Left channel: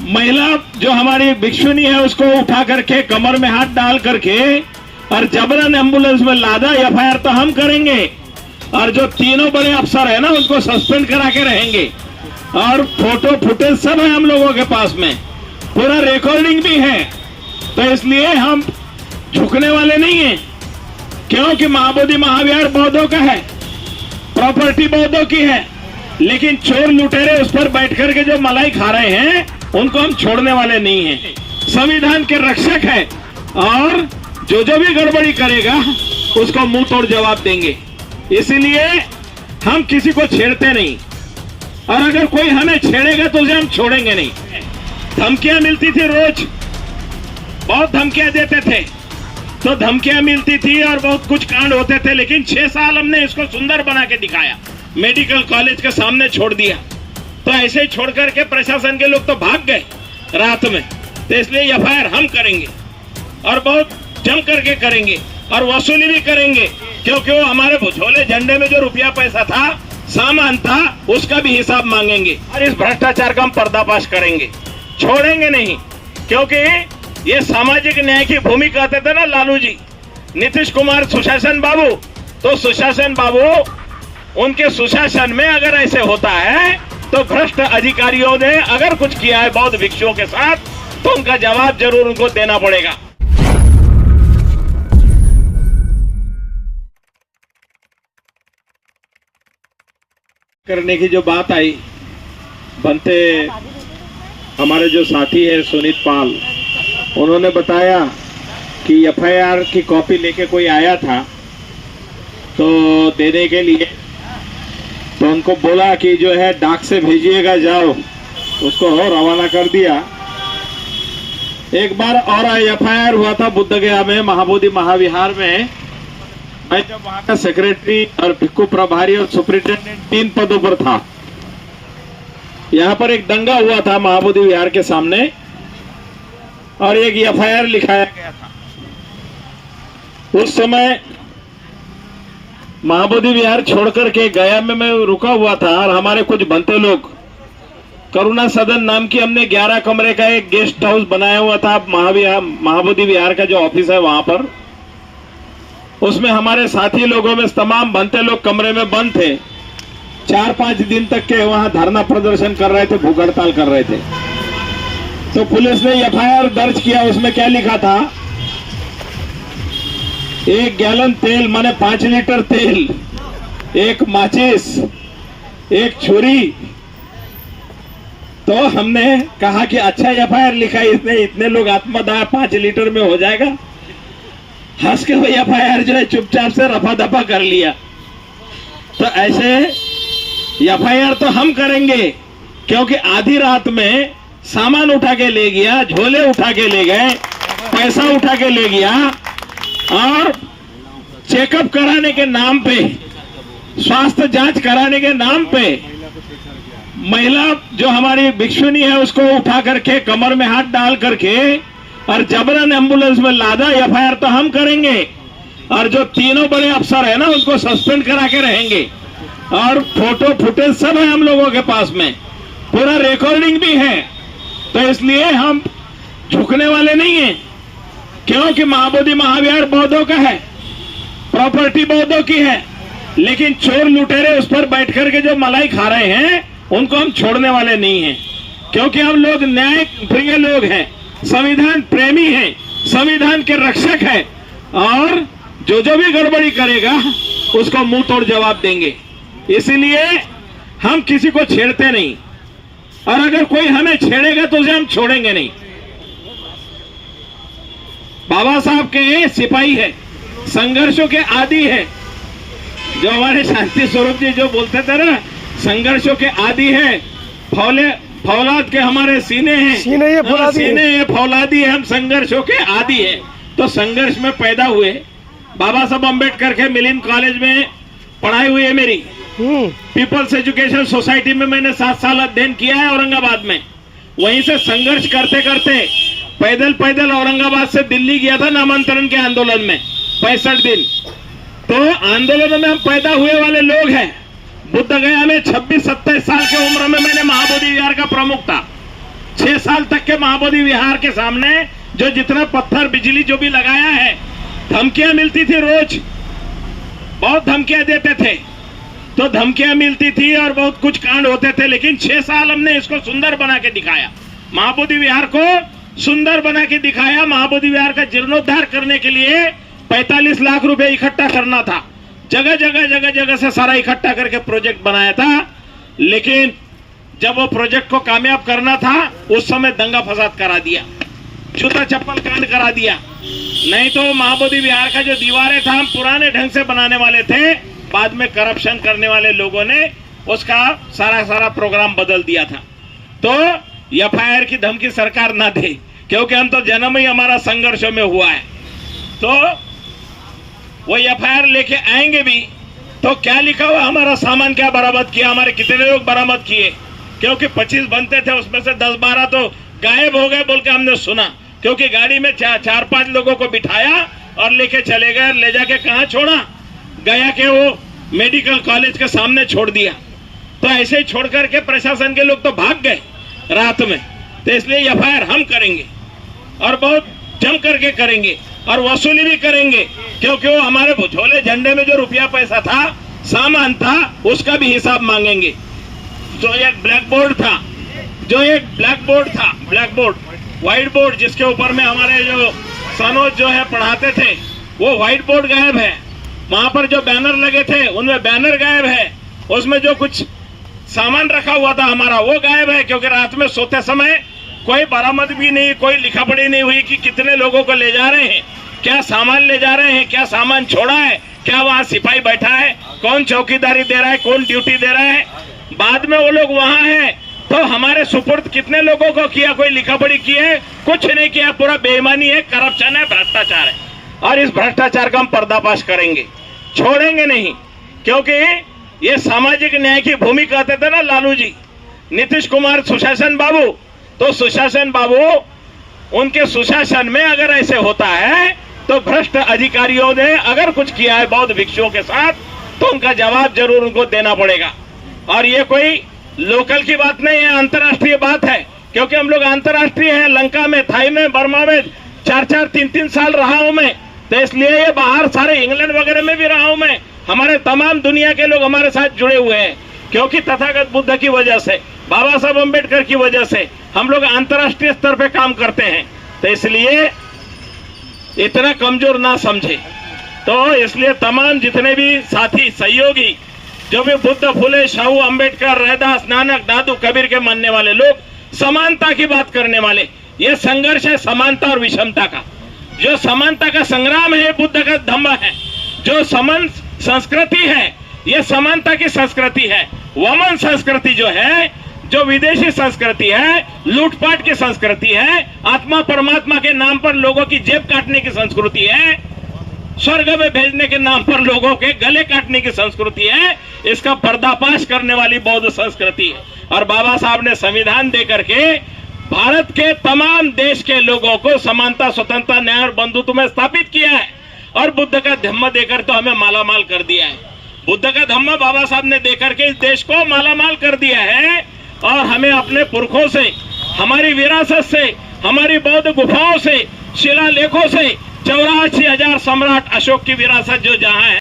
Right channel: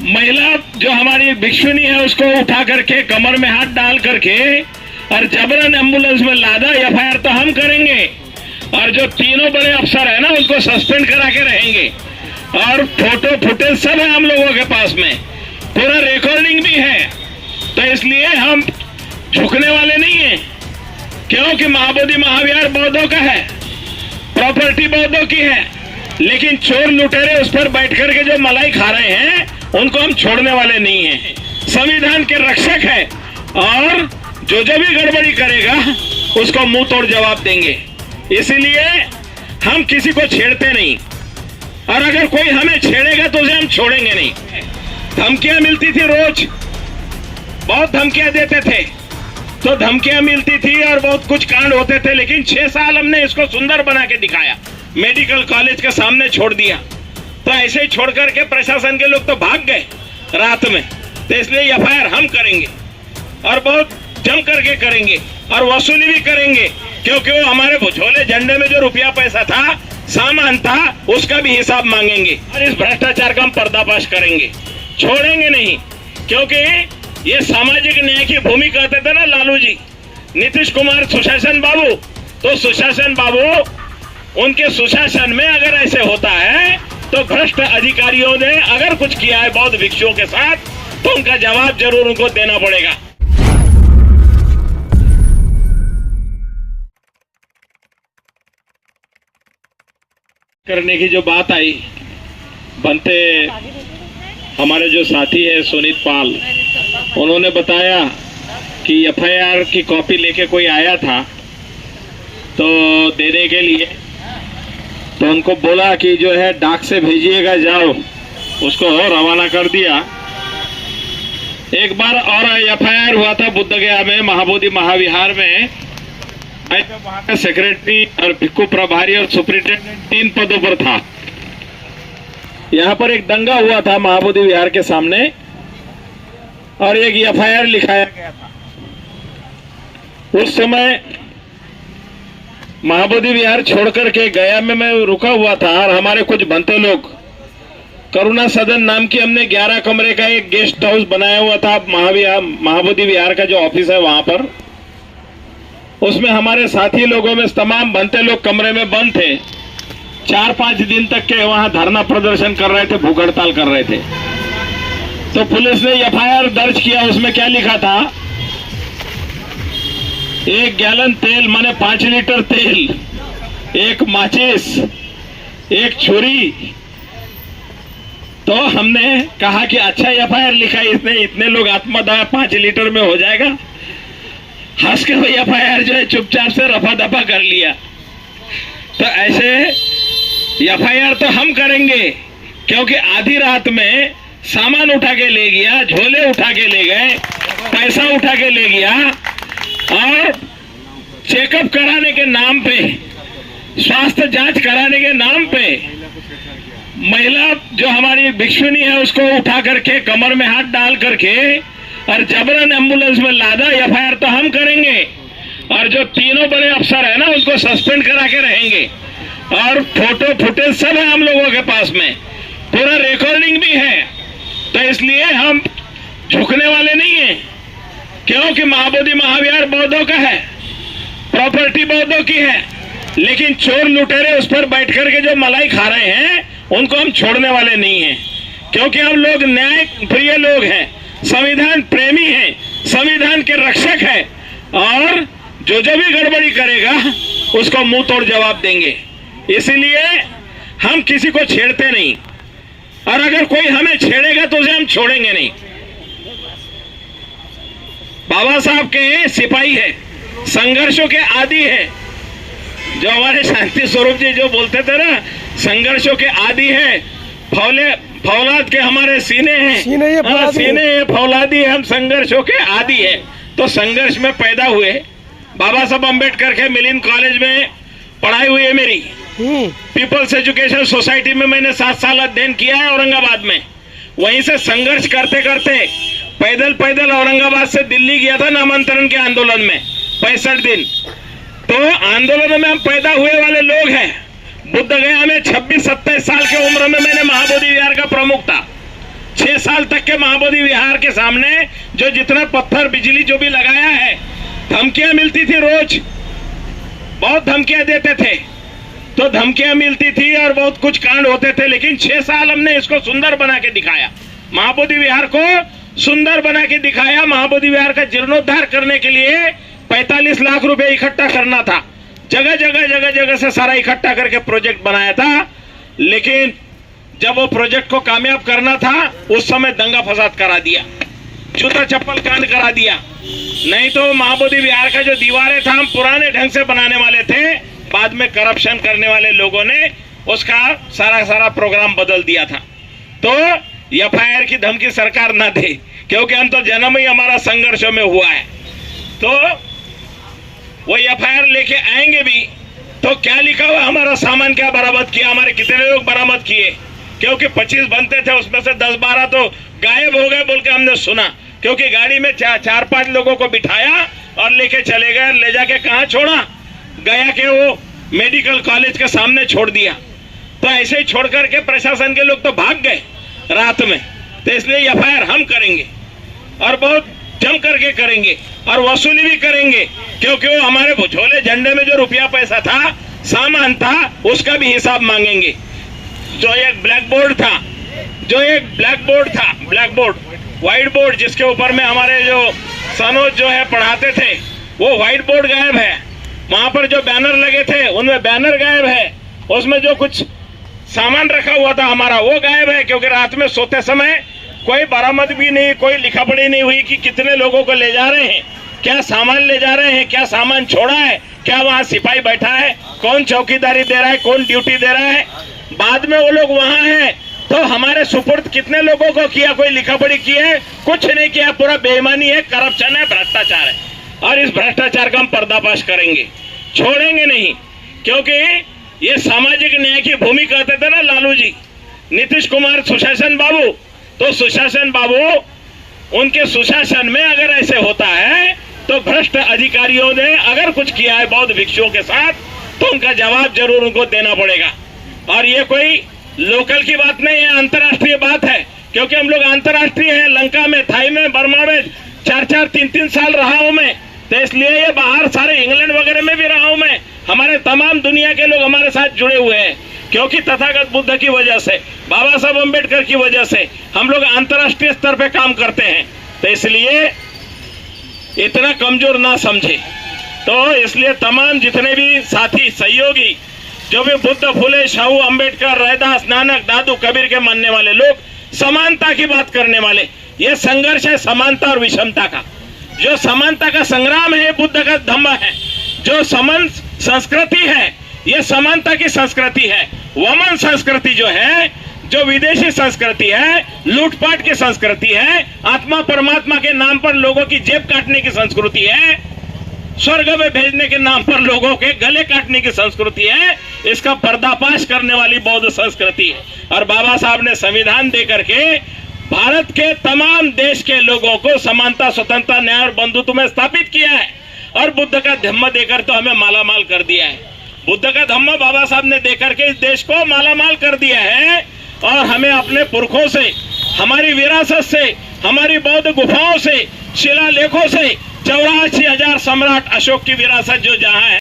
महिला जो हमारी भिक्षुनी है उसको उठा करके कमर में हाथ डाल करके और जबरन एम्बुलेंस में लादा, एफआईआर तो हम करेंगे और जो तीनों बड़े अफसर है ना उसको सस्पेंड करा के रहेंगे। और फोटो फुटेज सब है हम लोगों के पास में, पूरा रिकॉर्डिंग भी है। तो इसलिए हम झुकने वाले नहीं हैं, क्योंकि महाबोधि महाविहार बौद्धों का है, प्रॉपर्टी बौद्धों की है, लेकिन चोर लुटेरे उस पर बैठ करके जो मलाई खा रहे हैं उनको हम छोड़ने वाले नहीं हैं। संविधान के रक्षक है और जो भी गड़बड़ी करेगा उसको मुंह तोड़ जवाब देंगे। इसीलिए हम किसी को छेड़ते नहीं, और अगर कोई हमें छेड़ेगा तो उसे हम छोड़ेंगे नहीं। धमकियां मिलती थी, रोज बहुत धमकियां देते थे, तो धमकियां मिलती थी और बहुत कुछ कांड होते थे, लेकिन 6 साल हमने इसको सुंदर बना के दिखाया, मेडिकल कॉलेज के सामने छोड़ दिया। तो ऐसे ही छोड़ करके प्रशासन के लोग तो भाग गए रात में। तो इसलिए एफआईआर हम करेंगे और बहुत जम करके करेंगे और वसूली भी करेंगे, क्योंकि वो हमारे झोले झंडे में जो रुपया पैसा था, सामान था, उसका भी हिसाब मांगेंगे और इस भ्रष्टाचार का हम पर्दाफाश करेंगे, छोड़ेंगे नहीं। क्योंकि ये सामाजिक न्याय की भूमि कहते थे ना लालू जी, नीतीश कुमार सुशासन बाबू, तो सुशासन बाबू उनके सुशासन में अगर ऐसे होता है तो भ्रष्ट अधिकारियों ने अगर कुछ किया है बौद्ध भिक्षुओं के साथ तो उनका जवाब जरूर उनको देना पड़ेगा। करने की जो बात आई, बनते हमारे जो साथी है सुनीत पाल, उन्होंने बताया कि एफआईआर की कॉपी लेके कोई आया था तो देने के लिए, तो उनको बोला कि जो है डाक से भेजिएगा, जाओ, उसको रवाना कर दिया। एक बार और एफआईआर हुआ था बुद्धगया में, महाबोधि महाविहार में, जब वहां का सेक्रेटरी और भिक्खु प्रभारी और सुप्रिंटेंडेंट 3 पदों पर था। यहाँ पर एक दंगा हुआ था महाबोधि विहार के सामने और एक एफआईआर लिखाया गया था। उस समय महाबोधि विहार छोड़ करके गया में मैं रुका हुआ था और हमारे कुछ बनते लोग, करुणा सदन नाम की हमने 11 कमरे का एक गेस्ट हाउस बनाया हुआ था महाबोधि विहार का जो ऑफिस है वहां पर। उसमें हमारे साथी लोगों में तमाम बनते लोग कमरे में बंद थे। 4-5 दिन तक के वहां धरना प्रदर्शन कर रहे थे, भूख हड़ताल कर रहे थे। तो पुलिस ने एफआईआर दर्ज किया। उसमें क्या लिखा था, 1 गैलन तेल माने 5 लीटर तेल, 1 माचिस, 1 छुरी। तो हमने कहा कि अच्छा एफआईआर लिखा है इसने, इतने लोग आत्मदाह 5 लीटर में हो जाएगा। हंस के भाई एफआईआर जो है चुपचाप से रफा दफा कर लिया। तो ऐसे एफआईआर तो हम करेंगे, क्योंकि आधी रात में सामान उठा के ले गया, झोले उठा के ले गए, पैसा उठा के ले गया और चेकअप कराने के नाम पे, स्वास्थ्य जांच कराने के नाम पे महिला जो हमारी भिक्षुनी है उसको उठा करके कमर में हाथ डाल करके और जबरन एम्बुलेंस में लादा, एफआईआर तो हम करेंगे और जो तीनों बड़े अफसर है ना उनको सस्पेंड करा के रहेंगे। और फोटो फुटेज सब है हम लोगों के पास में, पूरा रिकॉर्डिंग भी है। तो इसलिए हम झुकने वाले नहीं हैं, क्योंकि महाबोधि महाविहार बौद्धों का है, प्रॉपर्टी बौद्धों की है, लेकिन चोर लुटेरे उस पर बैठ करके जो मलाई खा रहे हैं उनको हम छोड़ने वाले नहीं हैं। क्योंकि हम लोग न्याय प्रिय लोग हैं, संविधान प्रेमी हैं, संविधान के रक्षक हैं, और जो भी गड़बड़ी करेगा उसको मुंह तोड़ जवाब देंगे। इसीलिए हम किसी को छेड़ते नहीं, और अगर कोई हमें छेड़ेगा तो उसे हम छोड़ेंगे नहीं। बाबा साहब के सिपाही है, संघर्षों के आदी है। जो हमारे शांति स्वरूप जी जो बोलते थे ना, संघर्षों के आदी है, फौलाद के हमारे सीने हैं, सीने है, फौलादी है, हम संघर्षों के आदी है। तो संघर्ष में पैदा हुए। बाबा साहब अम्बेडकर के मिलिन कॉलेज में पढ़ाई हुई है मेरी। पीपल्स एजुकेशन सोसाइटी में मैंने 7 साल अध्ययन किया है औरंगाबाद में। वहीं से संघर्ष करते करते पैदल औरंगाबाद से दिल्ली गया था नामांतरण के आंदोलन में 65 दिन। तो आंदोलन में हम पैदा हुए वाले लोग हैं। बुद्धगया में 26-27 साल की उम्र में मैंने महाबोधि विहार का प्रमुख था। 6 साल तक के महाबोधि विहार के सामने जो जितना पत्थर बिजली जो भी लगाया है, धमकियां मिलती थी, रोज बहुत धमकियां देते थे, तो धमकियां मिलती थी और बहुत कुछ कांड होते थे। लेकिन 6 साल हमने इसको सुंदर बना के दिखाया, महाबोधि विहार को सुंदर बना के दिखाया। महाबोधि विहार का जीर्णोद्धार करने के लिए 45 लाख रुपए इकट्ठा करना था, जगह जगह से सारा इकट्ठा करके प्रोजेक्ट बनाया था। लेकिन जब वो प्रोजेक्ट को कामयाब करना था, उस समय दंगा फसाद करा दिया, जूता चप्पल कांड करा दिया। नहीं तो महाबोधि विहार का जो दीवारें था, हम पुराने ढंग से बनाने वाले थे, बाद में करप्शन करने वाले लोगों ने उसका सारा प्रोग्राम बदल दिया था। तो एफआईआर की धमकी सरकार ना दे, क्योंकि हम तो जन्म ही हमारा संघर्षों में हुआ है। तो वो एफआईआर लेके आएंगे भी तो क्या लिखा हुआ, हमारा सामान क्या बरामद किया, हमारे कितने लोग बरामद किए, क्योंकि 25 बनते थे, उसमें से 10-12 तो गायब हो गए बोल के हमने सुना, क्योंकि गाड़ी में 4-5 लोगों को बिठाया और लेके चले गए। ले जाके कहाँ छोड़ा, गया के वो मेडिकल कॉलेज के सामने छोड़ दिया। तो ऐसे ही छोड़ करके प्रशासन के लोग तो भाग गए रात में। तो इसलिए एफआईआर हम करेंगे और बहुत जम करके करेंगे और वसूली भी करेंगे, क्योंकि वो हमारे झोले झंडे में जो रुपया पैसा था, सामान था, उसका भी हिसाब मांगेंगे। जो एक ब्लैक बोर्ड था, व्हाइट बोर्ड जिसके ऊपर में हमारे जो सनोज जो है पढ़ाते थे, वो व्हाइट बोर्ड गायब है। वहां पर जो बैनर लगे थे, उनमें बैनर गायब है। उसमें जो कुछ सामान रखा हुआ था हमारा, वो गायब है, क्योंकि रात में सोते समय कोई बरामद भी नहीं, कोई लिखा पढ़ी नहीं हुई कि कितने लोगों को ले जा रहे हैं, क्या सामान ले जा रहे हैं, क्या सामान छोड़ा है, क्या वहाँ सिपाही बैठा है, कौन चौकीदारी दे रहा है, कौन ड्यूटी दे रहा है। बाद में वो लोग वहाँ हैं तो हमारे सुपुर्द कितने लोगों को किया, कोई लिखा पढ़ी की है, कुछ नहीं किया। पूरा बेईमानी है, करप्शन है, भ्रष्टाचार है। और इस भ्रष्टाचार का हम पर्दाफाश करेंगे, छोड़ेंगे नहीं, क्योंकि ये सामाजिक न्याय की भूमि कहते थे ना लालू जी, नीतीश कुमार सुशासन बाबू। तो सुशासन बाबू, उनके सुशासन में अगर ऐसे होता है तो भ्रष्ट अधिकारियों ने अगर कुछ किया है बौद्ध भिक्षुओं के साथ, तो उनका जवाब जरूर उनको देना पड़ेगा। और ये कोई लोकल की बात नहीं है, अंतर्राष्ट्रीय बात है, क्योंकि हम लोग अंतर्राष्ट्रीय हैं। लंका में, थाई में, बर्मा में 4-4, 3-3 साल रहा हूं मैं, तो इसलिए ये बाहर सारे इंग्लैंड वगैरह में भी रहा हूं मैं। हमारे तमाम दुनिया के लोग हमारे साथ जुड़े हुए हैं, क्योंकि तथागत बुद्ध की वजह से, बाबा साहब अम्बेडकर की वजह से हम लोग अंतर्राष्ट्रीय स्तर पे काम करते हैं। तो इसलिए इतना कमजोर ना समझे। तो इसलिए तमाम जितने भी साथी सहयोगी, जो भी बुद्ध, फुले, शाहू, अम्बेडकर, रैदास, नानक, दादू, कबीर के मानने वाले लोग, समानता की बात करने वाले, ये संघर्ष है समानता और विषमता का। जो समानता का संग्राम है, बुद्ध का धम्म है। जो समान संस्कृति है, ये समानता की संस्कृति है। वमन संस्कृति जो है, जो विदेशी संस्कृति है, लूटपाट की संस्कृति है, आत्मा परमात्मा के नाम पर लोगों की जेब काटने की संस्कृति है, स्वर्ग में भेजने के नाम पर लोगों के गले काटने की संस्कृति है। इसका पर्दाफाश करने वाली बौद्ध संस्कृति है। और बाबा साहब ने संविधान दे करके भारत के तमाम देश के लोगों को समानता, स्वतंत्रता, न्याय और बंधुत्व में स्थापित किया है। और बुद्ध का धम्म देकर तो हमें मालामाल कर दिया है। बुद्ध का धम्म बाबा साहब ने देकर के इस देश को मालामाल कर दिया है। और हमें अपने पुरखों से, हमारी विरासत से, हमारी बौद्ध गुफाओं से, शिलालेखों से, 84,000 सम्राट अशोक की विरासत जो जहां है,